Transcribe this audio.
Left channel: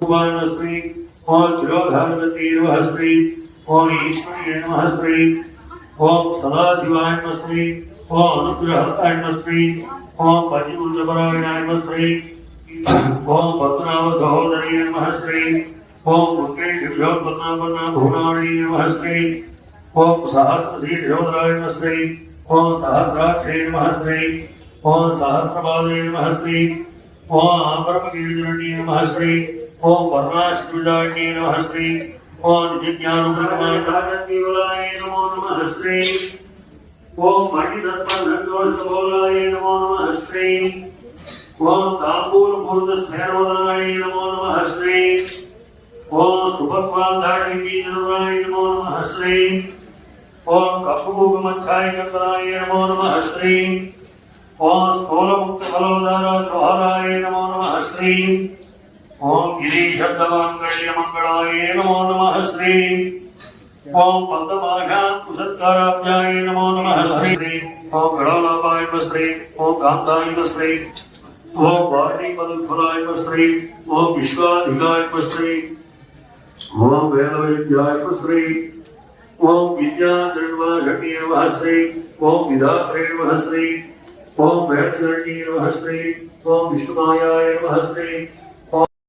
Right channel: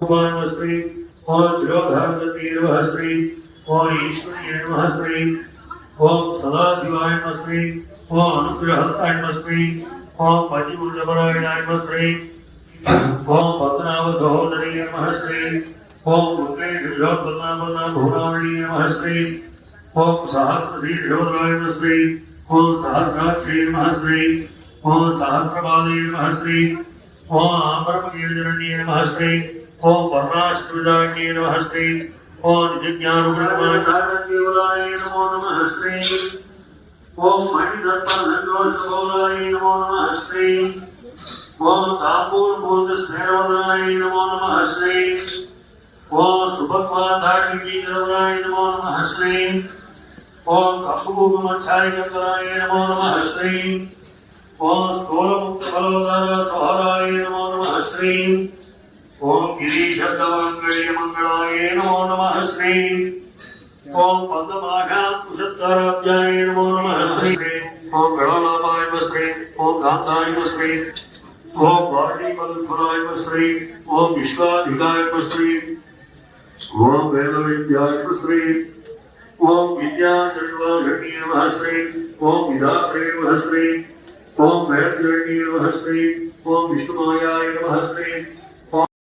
नमः श्री ओम तिरोधानवती नमः श्री ओम ईश्वरीय नमः श्री ओम सदाशिवाय नमः श्री ओम अनुग्रहस्ताय नमः श्री ओम पंचभूतपरायणाय नमः श्री ओम पद्मनाभ सहोदरी नमः श्री ओम मुद्रे दिव्योत्पन्ना भुवनावली नमः श्री ओम सहस्रशीर्षोदराय नमः श्री ओम सहस्राक्षे नमः श्री ओम सहस्रपादे नमः श्री ओम परमकीर्तनन्ये नमः श्री ओम वर्णाश्रुदान्ये नमः श्री ओम जिज्ञानुप्रमादानदेवलाय नमो नमः श्री ओम मणिदत्तनन्दोषगोलाय नमो नमः श्री ओम ताम्बूलपूर्णस्मेरोदनाय नमो नमः श्री ओम सुभद्वान्धाटिनीजनाय नमो नमः श्री ओम कपूगमच्छाय गंगराय नमो नमः श्री ओम स्थूलमुक्तफलोदार सोहराय नमो नमः श्री ओम गिरीशब्दमंगल्यमंगलाय नमो नमः श्री ओम पद्ममाघाकुशत्काराब्जाय नमो नमः श्री ओम गणलाभाय श्री ओम कांताय श्री ओम वाणीपदफलाय श्री ओम विश्वाधिकाय श्री ओम वेदविद्याय श्री ओम विद्याधर्वाघटी नमः श्री ओम विधात्रे नमः श्री ओम वेदधरणी नमः श्री ओम विष्णुमायाय नमः श्री